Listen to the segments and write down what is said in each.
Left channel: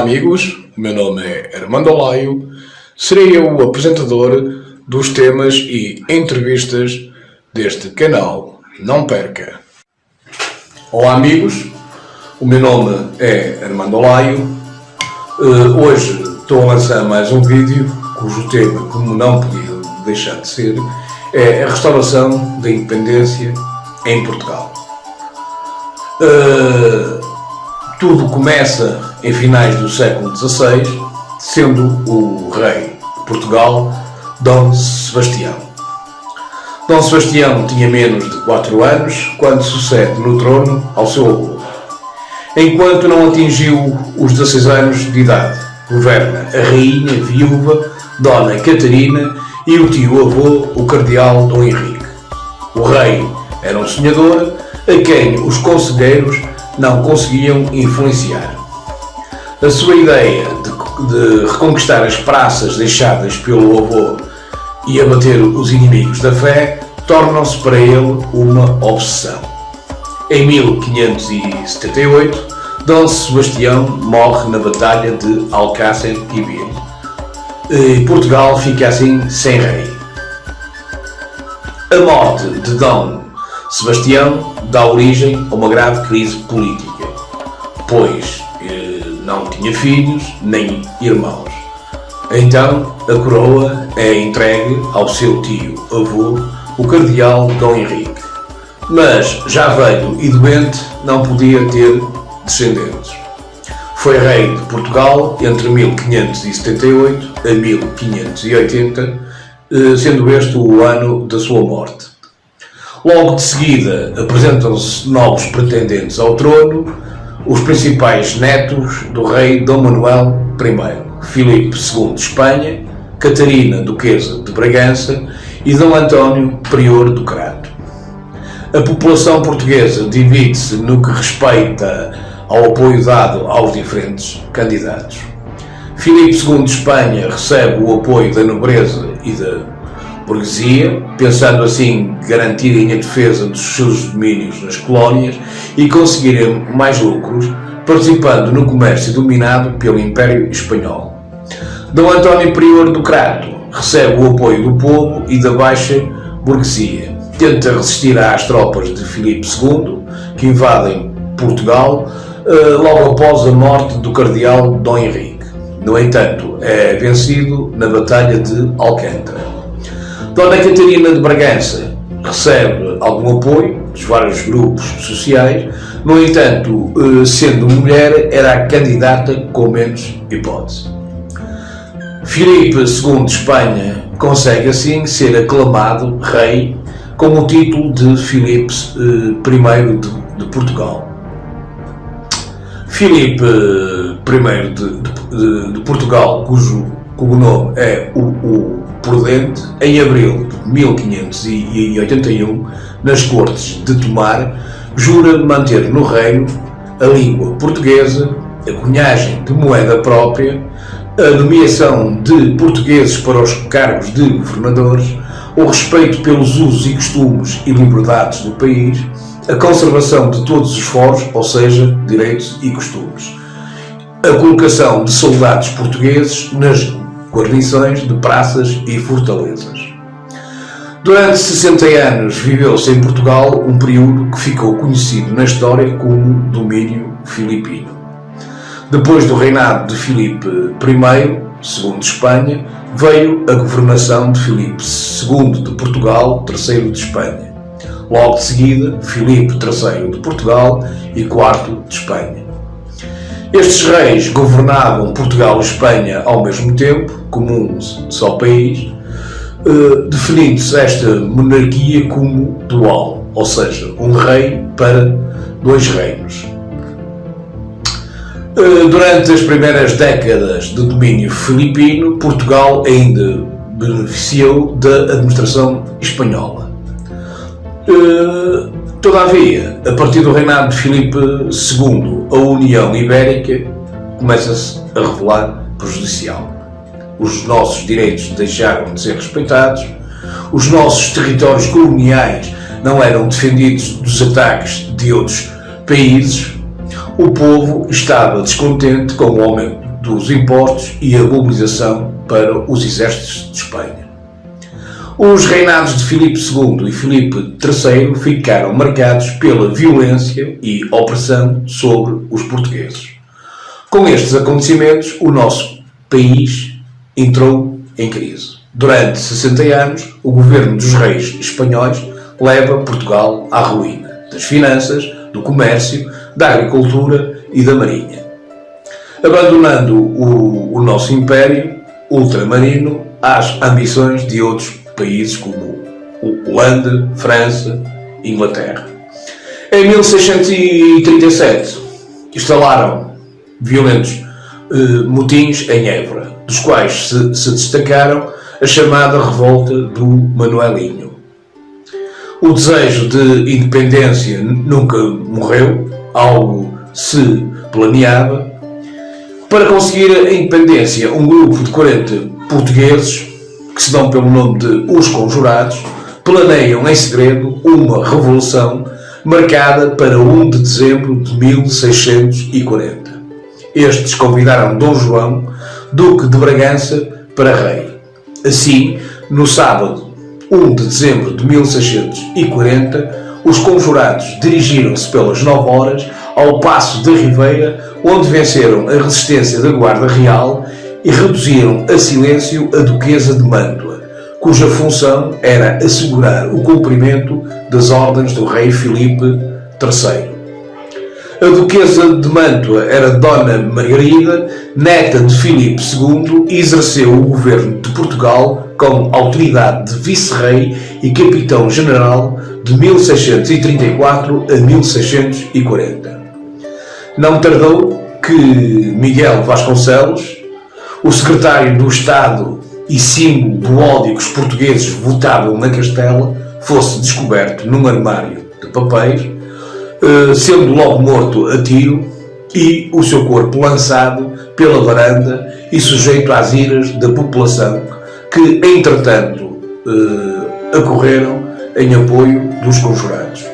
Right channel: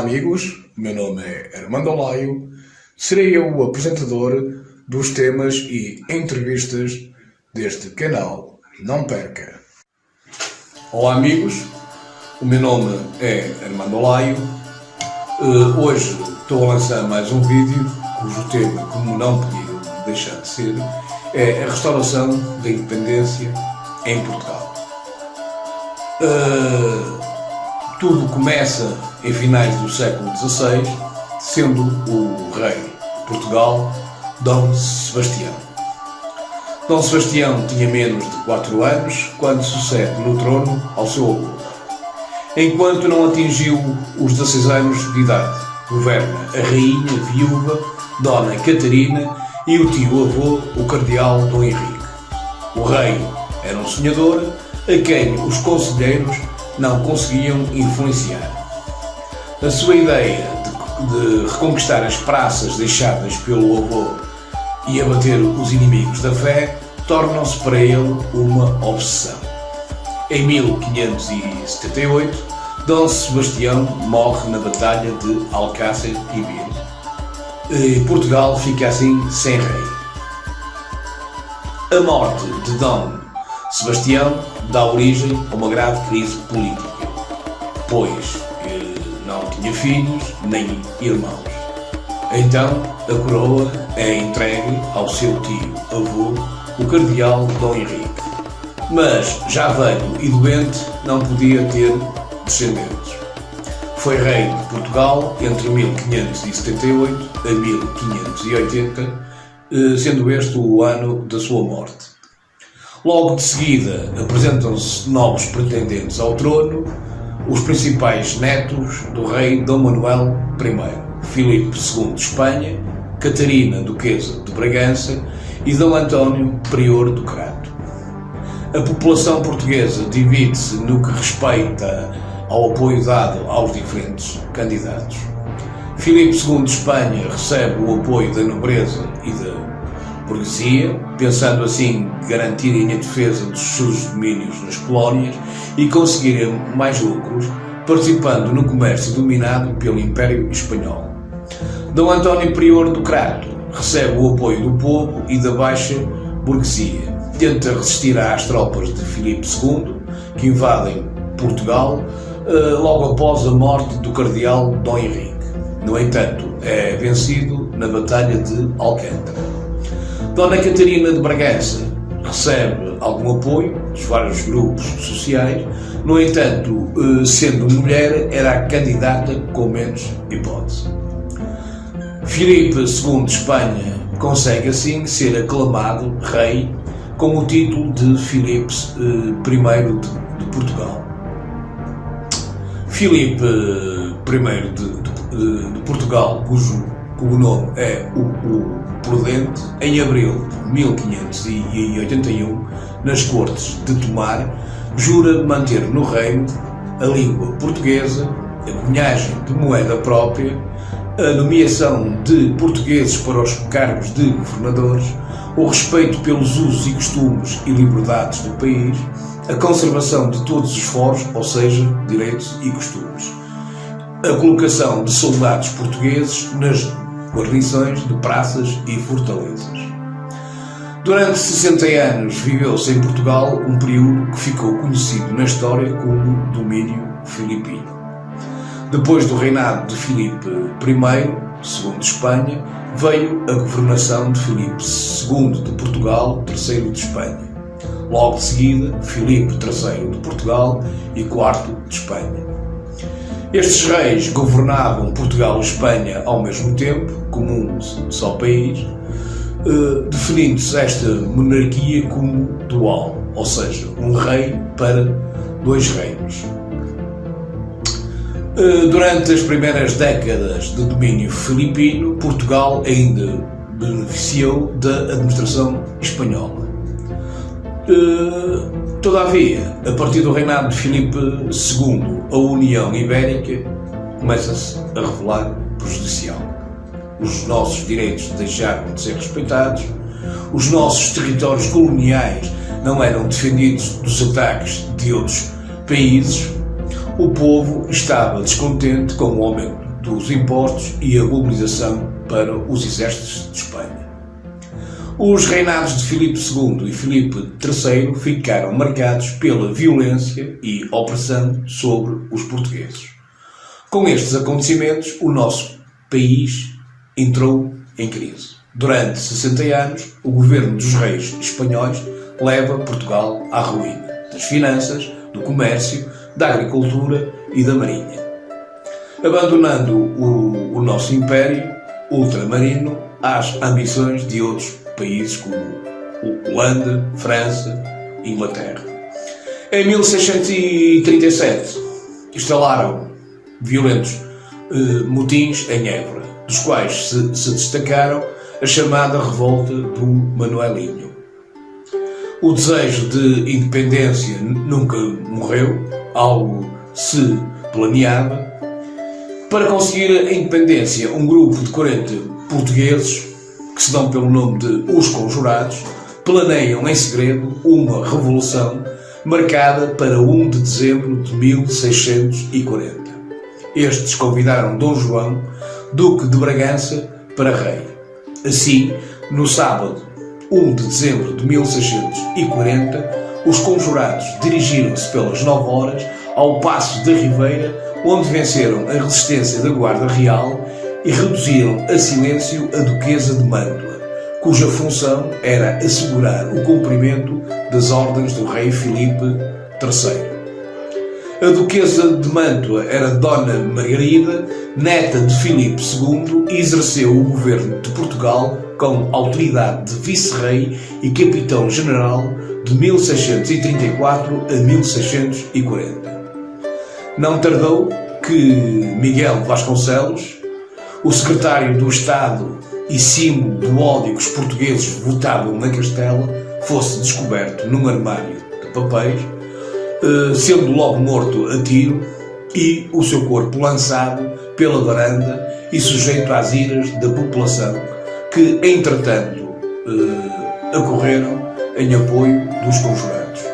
Olá amigos, o meu nome é Armando Olaio, serei eu o apresentador dos temas e entrevistas deste canal. Não perca! Olá amigos, o meu nome é Armando Olaio. Hoje estou a lançar mais um vídeo cujo tema, como não podia deixar de ser, é a restauração da independência em Portugal. Tudo começa em finais do século XVI, sendo o rei de Portugal Dom Sebastião. Dom Sebastião tinha menos de 4 anos quando sucede no trono ao seu avô. Enquanto não atingiu os 16 anos de idade, governa a rainha viúva Dona Catarina e o tio-avô, o cardeal Dom Henrique. O rei era um sonhador a quem os conselheiros não conseguiam influenciar. A sua ideia de reconquistar as praças deixadas pelo avô e abater os inimigos da fé tornam-se para ele uma obsessão. Em 1578, Dom Sebastião morre na Batalha de Alcácer Quibir e Portugal fica assim sem rei. A morte de Dom Sebastião dá origem a uma grave crise política, pois não tinha filhos nem irmãos. Então a coroa é entregue ao seu tio-avô, o cardeal Dom Henrique. Mas, já velho e doente, não podia ter descendentes. Foi rei de Portugal entre 1578 a 1580, sendo este o ano da sua morte. Logo de seguida apresentam-se novos pretendentes ao trono, os principais netos do rei Dom Manuel I, Filipe II de Espanha, Catarina, duquesa de Bragança e Dom António, prior do Crato. A população portuguesa divide-se no que respeita ao apoio dado aos diferentes candidatos. Filipe II de Espanha recebe o apoio da nobreza e da burguesia, pensando assim garantirem a defesa dos seus domínios nas colónias e conseguirem mais lucros, participando no comércio dominado pelo Império Espanhol. Dom António, prior do Crato, recebe o apoio do povo e da baixa burguesia. Tenta resistir às tropas de Filipe II, que invadem Portugal, logo após a morte do cardeal Dom Henrique. No entanto, é vencido na Batalha de Alcântara. Dona Catarina de Bragança recebe algum apoio dos vários grupos sociais, no entanto, sendo mulher, era a candidata com menos hipótese. Filipe II de Espanha consegue assim ser aclamado rei com o título de Filipe I de Portugal. Filipe I de Portugal, cujo nome é o Prudente, em abril de 1581, nas Cortes de Tomar, jura manter no reino a língua portuguesa, a cunhagem de moeda própria, a nomeação de portugueses para os cargos de governadores, o respeito pelos usos e costumes e liberdades do país, a conservação de todos os foros, ou seja, direitos e costumes, a colocação de soldados portugueses nas guarnições de praças e fortalezas. Durante 60 anos viveu-se em Portugal um período que ficou conhecido na história como domínio filipino. Depois do reinado de Filipe I, II de Espanha, veio a governação de Filipe II de Portugal, III de Espanha. Logo de seguida, Filipe III de Portugal e IV de Espanha. Estes reis governavam Portugal e Espanha ao mesmo tempo, como um só país, definindo-se esta monarquia como dual, ou seja, um rei para 2 reinos. Durante as primeiras décadas de domínio filipino, Portugal ainda beneficiou da administração espanhola. Todavia, a partir do reinado de Filipe II, a União Ibérica começa-se a revelar prejudicial. Os nossos direitos deixaram de ser respeitados, os nossos territórios coloniais não eram defendidos dos ataques de outros países, o povo estava descontente com o aumento dos impostos e a mobilização para os exércitos de Espanha. Os reinados de Filipe II e Filipe III ficaram marcados pela violência e opressão sobre os portugueses. Com estes acontecimentos, o nosso país entrou em crise. Durante 60 anos, o governo dos reis espanhóis leva Portugal à ruína das finanças, do comércio, da agricultura e da marinha. Abandonando o nosso império ultramarino às ambições de outros países como Holanda, França e Inglaterra. Em 1637 instalaram violentos motins em Évora, dos quais se destacaram a chamada Revolta do Manuelinho. O desejo de independência nunca morreu, algo se planeava. Para conseguir a independência, um grupo de 40 portugueses, que se dão pelo nome de Os Conjurados, planeiam em segredo uma revolução marcada para 1 de dezembro de 1640. Estes convidaram Dom João, Duque de Bragança, para rei. Assim, no sábado 1 de dezembro de 1640, os conjurados dirigiram-se pelas 9 horas ao Paço da Ribeira, onde venceram a resistência da Guarda Real e reduziram a silêncio a Duquesa de Mântua, cuja função era assegurar o cumprimento das ordens do rei Filipe III. A Duquesa de Mântua era Dona Margarida, neta de Filipe II, e exerceu o governo de Portugal com autoridade de vice-rei e capitão-general de 1634 a 1640. Não tardou que Miguel Vasconcelos, o secretário do Estado e símbolo do ódio que os portugueses votavam na Castela, fosse descoberto num armário de papéis, sendo logo morto a tiro e o seu corpo lançado pela varanda e sujeito às iras da população que, entretanto, acorreram em apoio dos conjurados.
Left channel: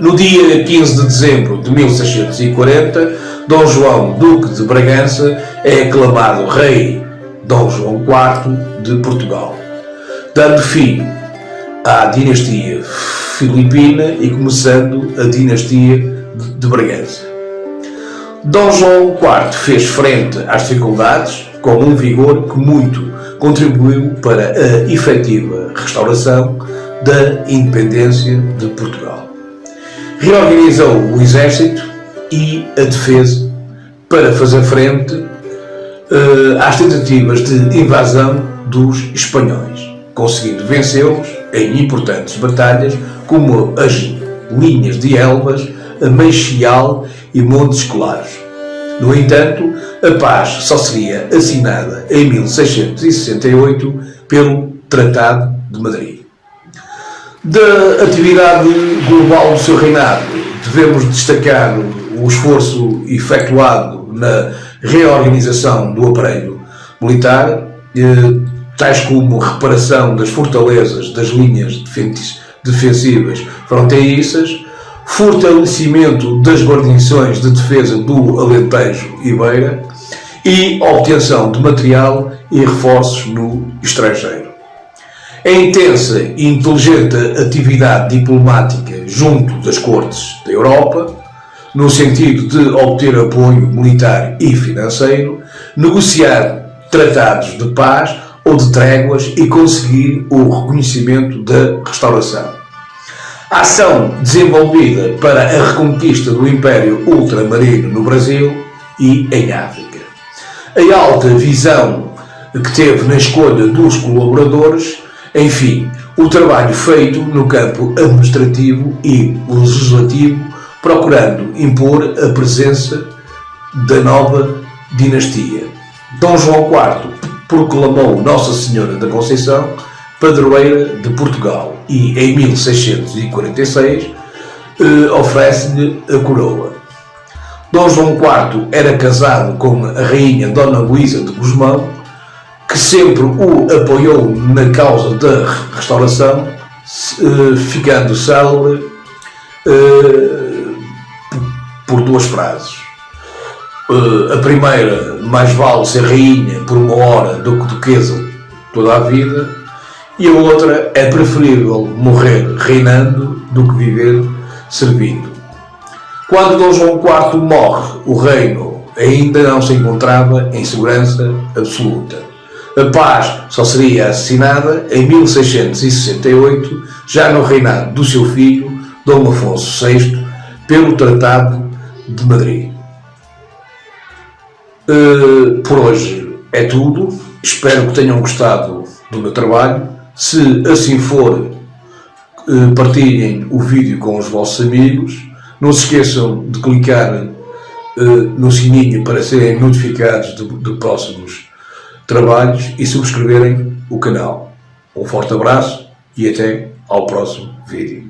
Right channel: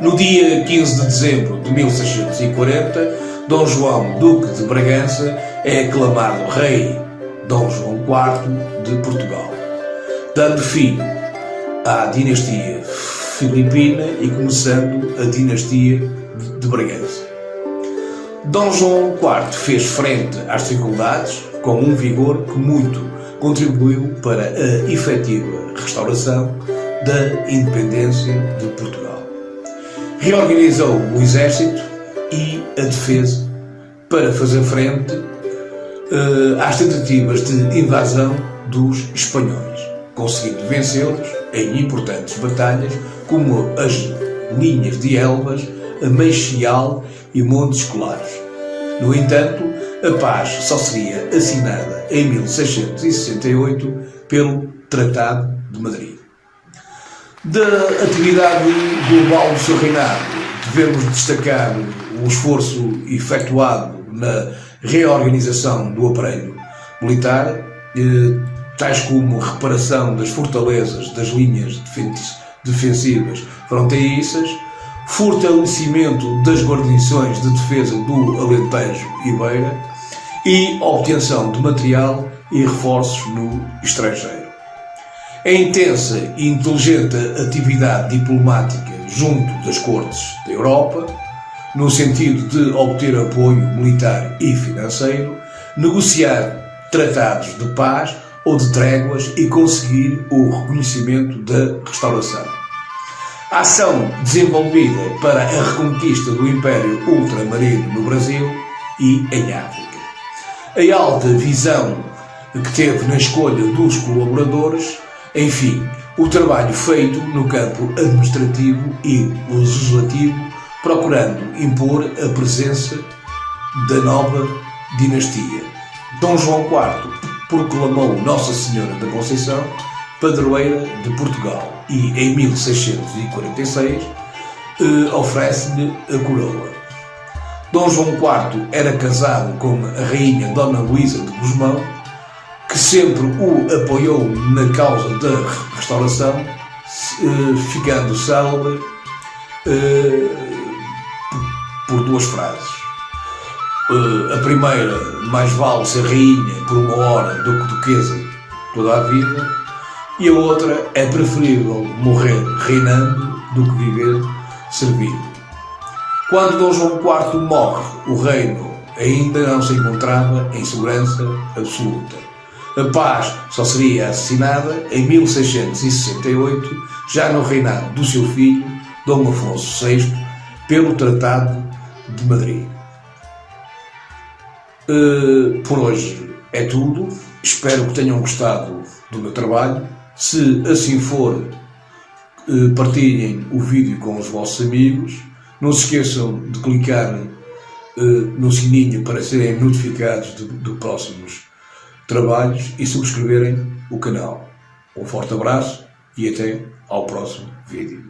No dia 15 de dezembro de 1640, Dom João, Duque de Bragança, é aclamado rei Dom João IV de Portugal, dando fim à dinastia filipina e começando a dinastia de Bragança. Dom João IV fez frente às dificuldades com um vigor que muito contribuiu para a efetiva restauração da independência de Portugal. Reorganizou o exército e a defesa para fazer frente às tentativas de invasão dos espanhóis, conseguindo vencê-los em importantes batalhas como as linhas de Elvas, a Meixial e Montes Claros. No entanto, a paz só seria assinada em 1668 pelo Tratado de Madrid. Da atividade global do seu reinado, devemos destacar o esforço efetuado na reorganização do aparelho militar, tais como reparação das fortalezas das linhas defensivas fronteiriças, fortalecimento das guarnições de defesa do Alentejo e Beira e obtenção de material e reforços no estrangeiro. A intensa e inteligente atividade diplomática junto das cortes da Europa, no sentido de obter apoio militar e financeiro, negociar tratados de paz ou de tréguas e conseguir o reconhecimento da restauração. A ação desenvolvida para a reconquista do Império Ultramarino no Brasil e em África. A alta visão que teve na escolha dos colaboradores, enfim, o trabalho feito no campo administrativo e legislativo, procurando impor a presença da nova dinastia. Dom João IV proclamou Nossa Senhora da Conceição padroeira de Portugal e, em 1646, oferece-lhe a coroa. Dom João IV era casado com a rainha Dona Luísa de Gusmão, que sempre o apoiou na causa da restauração, ficando célebre por duas frases. A primeira, mais vale ser rainha por uma hora do que duquesa toda a vida, e a outra, é preferível morrer reinando do que viver servindo. Quando Dom João IV morre, o reino ainda não se encontrava em segurança absoluta. A paz só seria assassinada em 1668, já no reinado do seu filho, Dom Afonso VI, pelo Tratado de Madrid. Por hoje é tudo. Espero que tenham gostado do meu trabalho. Se assim for, partilhem o vídeo com os vossos amigos. Não se esqueçam de clicar no sininho para serem notificados de próximos trabalhos e subscreverem o canal. Um forte abraço e até ao próximo vídeo.